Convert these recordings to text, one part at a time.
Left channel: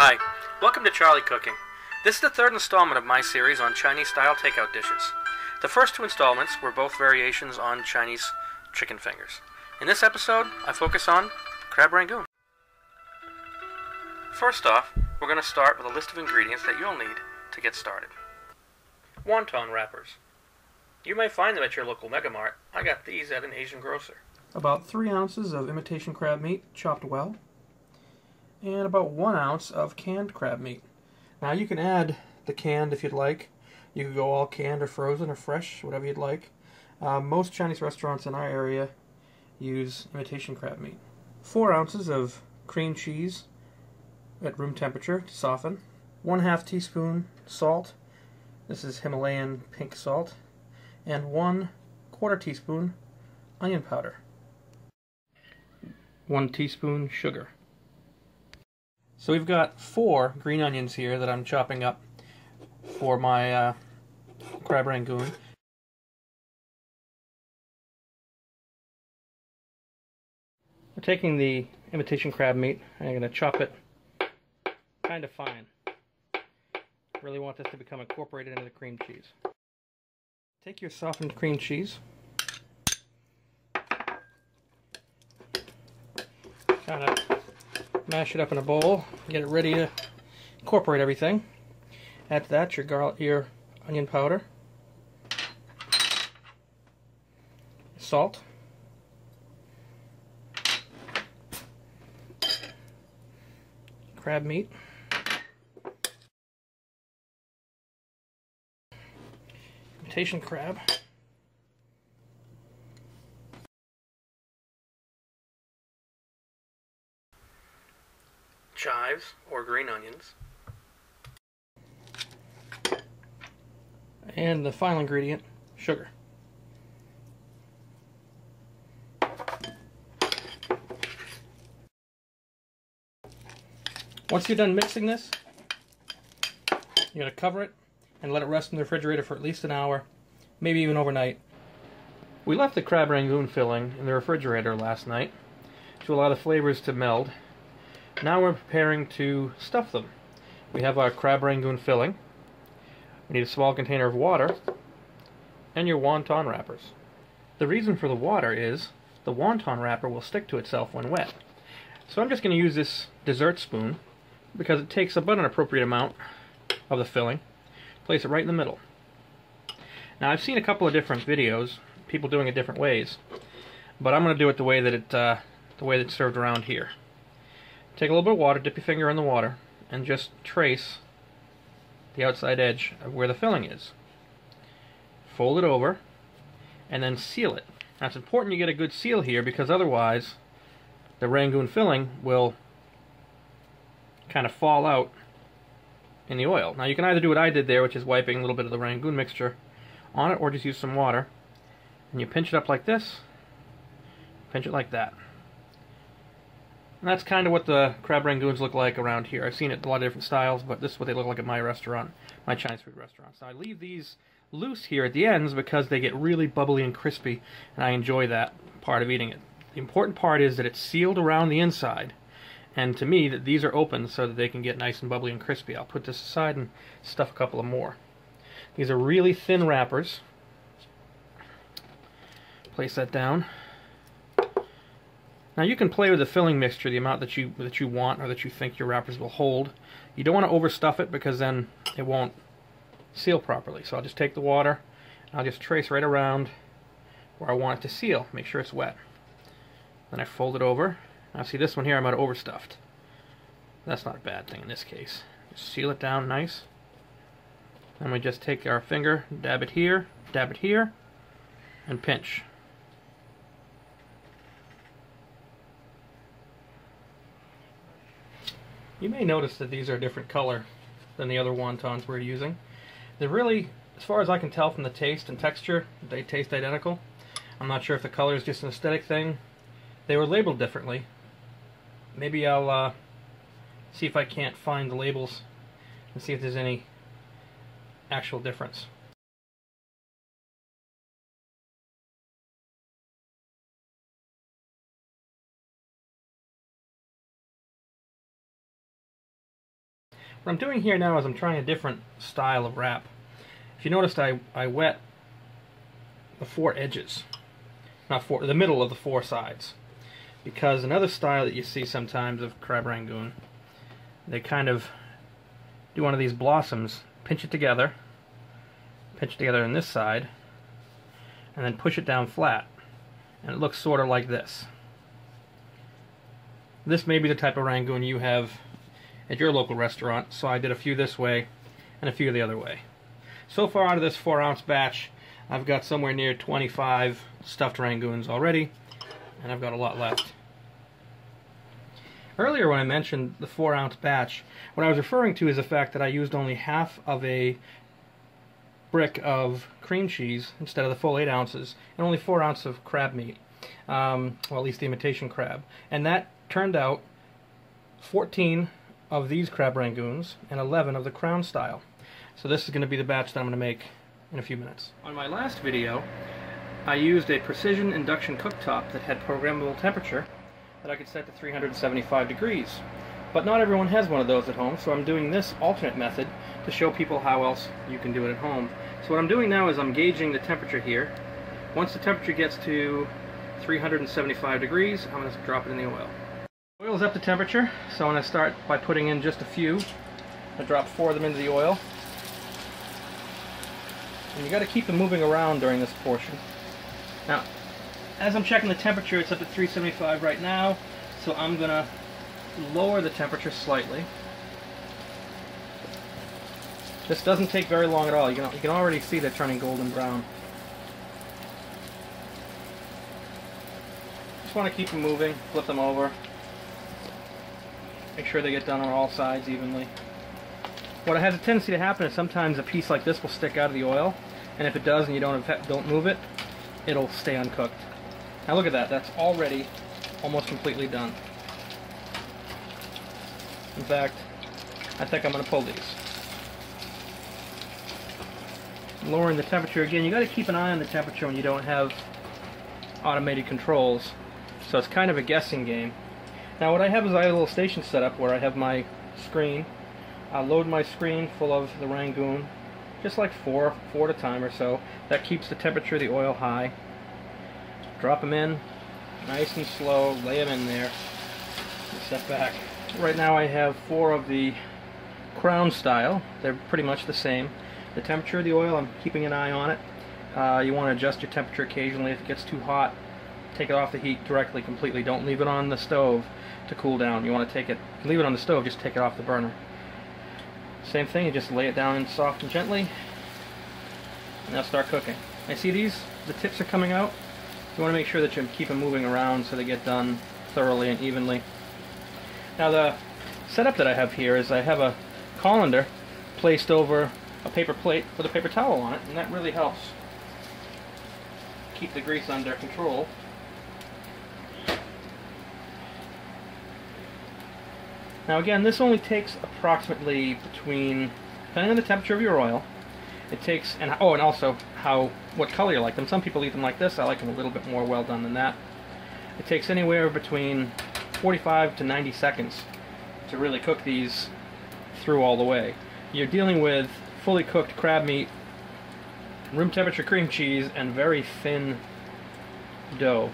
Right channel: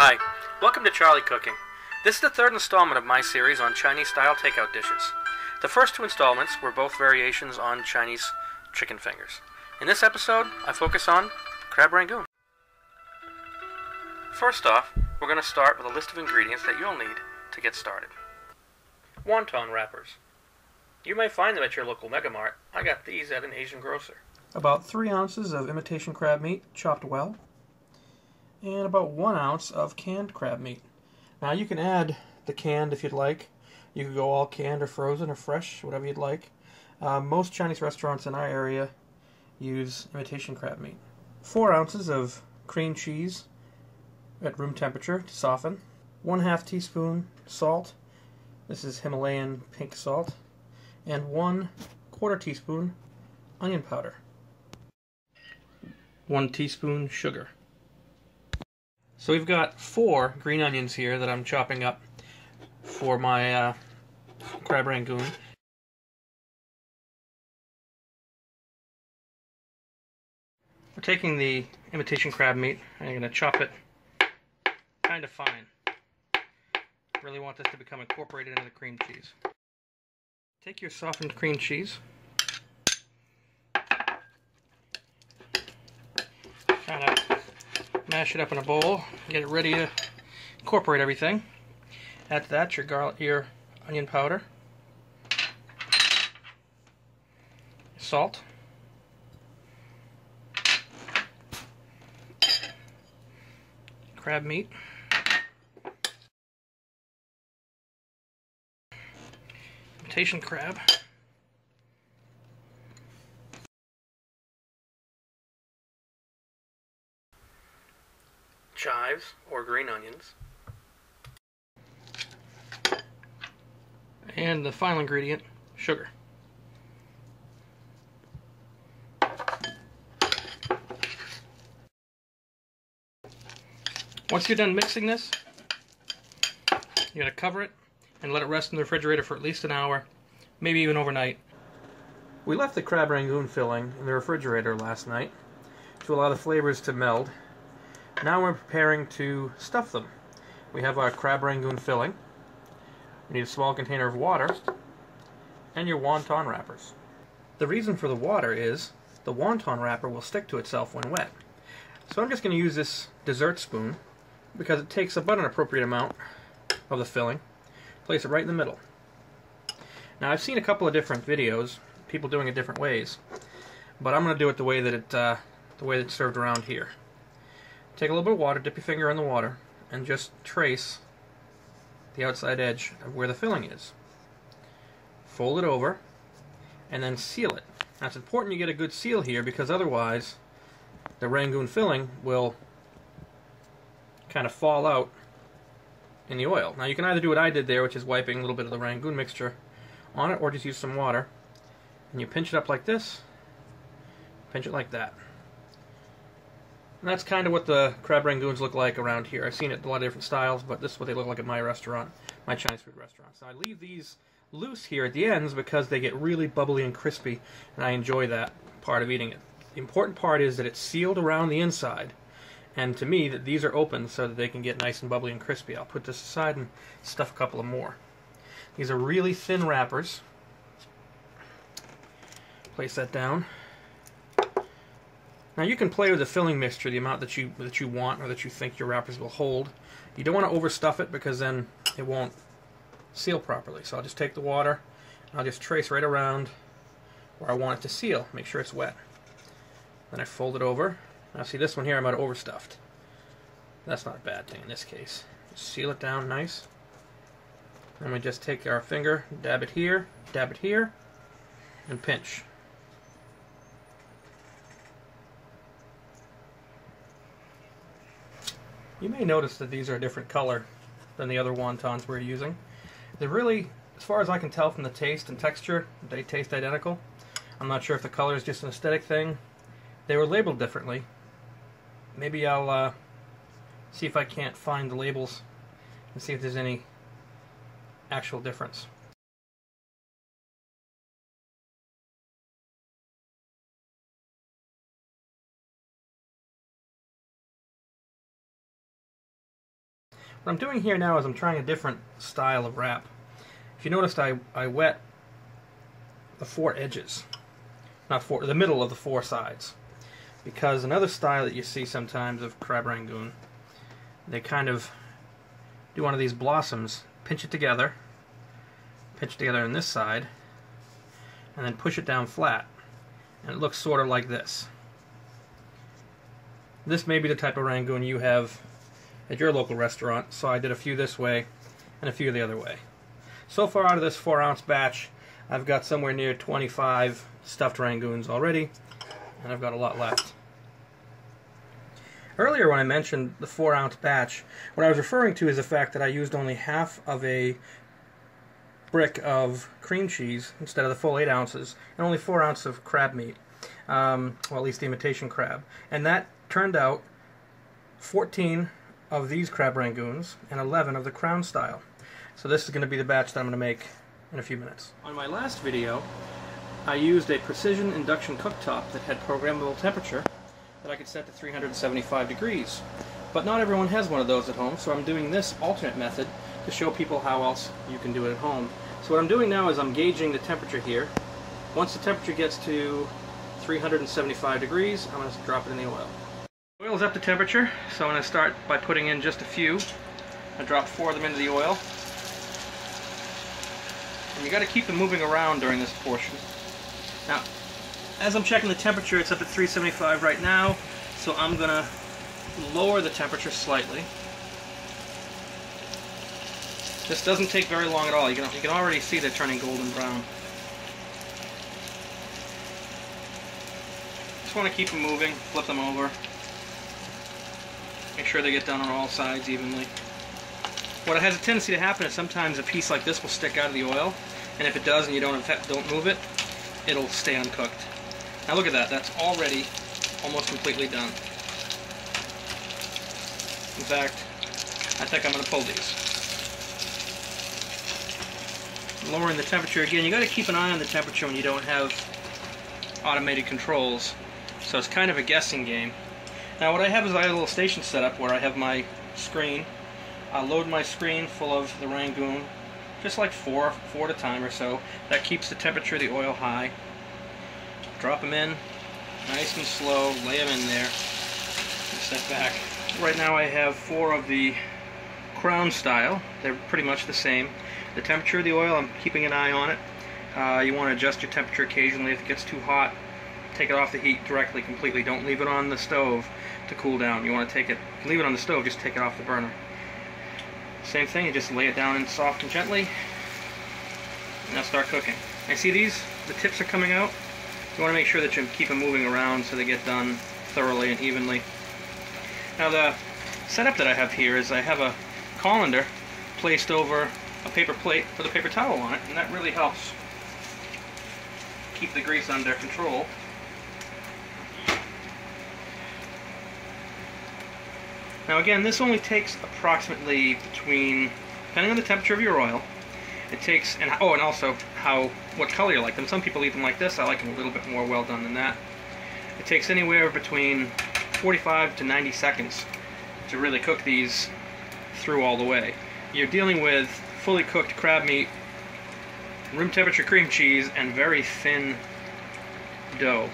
Hi, welcome to Charlie Cooking. This is the third installment of my series on Chinese-style takeout dishes. The first two installments were both variations on Chinese chicken fingers. In this episode, I focus on crab rangoon. First off, we're going to start with a list of ingredients that you'll need to get started. Wonton wrappers. You may find them at your local Mega Mart. I got these at an Asian grocer. About 3 ounces of imitation crab meat, chopped well, and about 1 ounce of canned crab meat. Now you can add the canned if you'd like. You could go all canned or frozen or fresh, whatever you'd like. Most Chinese restaurants in our area use imitation crab meat. 4 ounces of cream cheese at room temperature to soften. 1/2 teaspoon salt. This is Himalayan pink salt. And 1/4 teaspoon onion powder. 1 teaspoon sugar. So we've got 4 green onions here that I'm chopping up for my crab rangoon. We're taking the imitation crab meat and I'm going to chop it kind of fine. Really want this to become incorporated into the cream cheese. Take your softened cream cheese, kind of mash it up in a bowl, get it ready to incorporate everything. Add to that your onion powder, salt, crab meat, imitation crab, chives or green onions, and the final ingredient, sugar. Once you're done mixing this, you're going to cover it and let it rest in the refrigerator for at least an hour, maybe even overnight. We left the crab rangoon filling in the refrigerator last night to allow the flavors to meld. Now we're preparing to stuff them. We have our crab rangoon filling. We need a small container of water and your wonton wrappers. The reason for the water is the wonton wrapper will stick to itself when wet. So I'm just going to use this dessert spoon because it takes about an appropriate amount of the filling. Place it right in the middle. Now I've seen a couple of different videos, people doing it different ways, but I'm going to do it the way that it's served around here. Take a little bit of water, dip your finger in the water, and just trace the outside edge of where the filling is. Fold it over, and then seal it. Now it's important you get a good seal here because otherwise the rangoon filling will kind of fall out in the oil. Now you can either do what I did there, which is wiping a little bit of the rangoon mixture on it, or just use some water. And you pinch it up like this, pinch it like that. And that's kind of what the crab rangoons look like around here. I've seen it in a lot of different styles, but this is what they look like at my restaurant, my Chinese food restaurant. So I leave these loose here at the ends because they get really bubbly and crispy, and I enjoy that part of eating it. The important part is that it's sealed around the inside, and to me, that these are open so that they can get nice and bubbly and crispy. I'll put this aside and stuff a couple of more. These are really thin wrappers. Place that down. Now you can play with the filling mixture, the amount that you want or that you think your wrappers will hold. You don't want to overstuff it because then it won't seal properly. So I'll just take the water, and I'll just trace right around where I want it to seal. Make sure it's wet. Then I fold it over. Now see this one here I might have overstuffed. That's not a bad thing in this case. Just seal it down nice. And we just take our finger, dab it here, and pinch. You may notice that these are a different color than the other wontons we're using. They're really, as far as I can tell from the taste and texture, they taste identical. I'm not sure if the color is just an aesthetic thing. They were labeled differently. Maybe I'll see if I can't find the labels and see if there's any actual difference. What I'm doing here now is I'm trying a different style of wrap. If you noticed, I wet the 4 edges, not the middle of the 4 sides, because another style that you see sometimes of crab rangoon, they kind of do one of these blossoms, pinch it together on this side, and then push it down flat, and it looks sort of like this. This may be the type of rangoon you have at your local restaurant, so I did a few this way and a few the other way. So far out of this 4-ounce batch, I've got somewhere near 25 stuffed rangoons already, and I've got a lot left. Earlier when I mentioned the 4-ounce batch, what I was referring to is the fact that I used only half of a brick of cream cheese instead of the full 8 ounces, and only 4 ounces of crab meat, well, at least the imitation crab. And that turned out 14 of these crab rangoons and 11 of the crown style. So this is going to be the batch that I'm going to make in a few minutes. On my last video, I used a precision induction cooktop that had programmable temperature that I could set to 375 degrees. But not everyone has one of those at home, so I'm doing this alternate method to show people how else you can do it at home. So what I'm doing now is I'm gauging the temperature here. Once the temperature gets to 375 degrees, I'm going to drop it in the oil. The oil's up to temperature, so I'm going to start by putting in just a few. I drop 4 of them into the oil. And you got to keep them moving around during this portion. Now, as I'm checking the temperature, it's up at 375 right now, so I'm going to lower the temperature slightly. This doesn't take very long at all. You can already see they're turning golden brown. Just want to keep them moving, flip them over. Make sure they get done on all sides evenly. What has a tendency to happen is sometimes a piece like this will stick out of the oil, and if it does and you don't move it, it'll stay uncooked. Now look at that, that's already almost completely done. In fact, I think I'm going to pull these. Lowering the temperature again, you got to keep an eye on the temperature when you don't have automated controls, so it's kind of a guessing game. Now what I have is I have a little station set up where I have my screen. I'll load my screen full of the rangoon, just like four at a time or so. That keeps the temperature of the oil high. Drop them in, nice and slow, lay them in there, and step back. Right now I have 4 of the crown style. They're pretty much the same. The temperature of the oil, I'm keeping an eye on it. You want to adjust your temperature occasionally. If it gets too hot, take it off the heat directly, completely. Don't leave it on the stove to cool down. You want to leave it on the stove, just take it off the burner. Same thing, you just lay it down and soft and gently. Now start cooking. And see these? The tips are coming out. You want to make sure that you keep them moving around so they get done thoroughly and evenly. Now the setup that I have here is I have a colander placed over a paper plate with a paper towel on it, and that really helps keep the grease under control. Now again, this only takes approximately between, depending on the temperature of your oil, it takes, and also what color you like them. Some people eat them like this. I like them a little bit more well done than that. It takes anywhere between 45 to 90 seconds to really cook these through all the way. You're dealing with fully cooked crab meat, room temperature cream cheese, and very thin dough,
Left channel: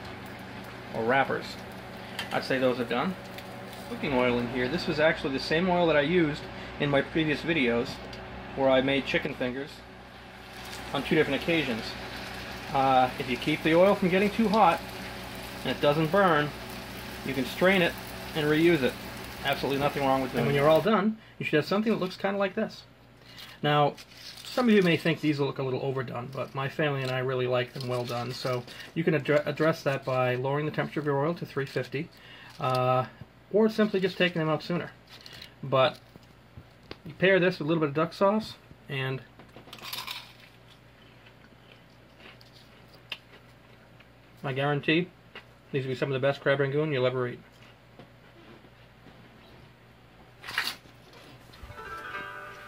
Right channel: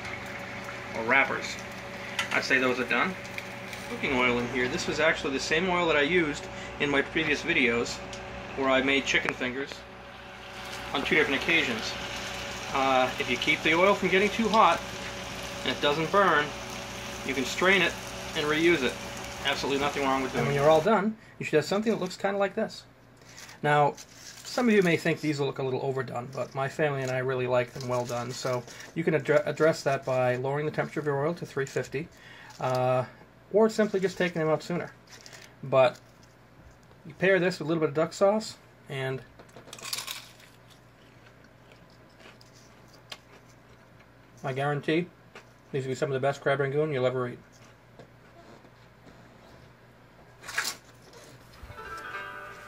or wrappers. I'd say those are done. Cooking oil in here. This was actually the same oil that I used in my previous videos where I made chicken fingers on 2 different occasions. If you keep the oil from getting too hot and it doesn't burn, you can strain it and reuse it. Absolutely nothing wrong with it. And when you're all done, you should have something that looks kind of like this. Now, some of you may think these will look a little overdone, but my family and I really like them well done. So you can address that by lowering the temperature of your oil to 350, or simply just taking them out sooner. But you pair this with a little bit of duck sauce, and I guarantee these will be some of the best crab rangoon you'll ever eat.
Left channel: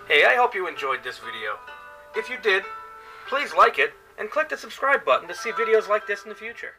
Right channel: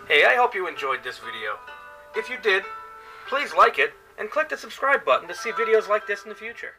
Hey, I hope you enjoyed this video. If you did, please like it and click the subscribe button to see videos like this in the future.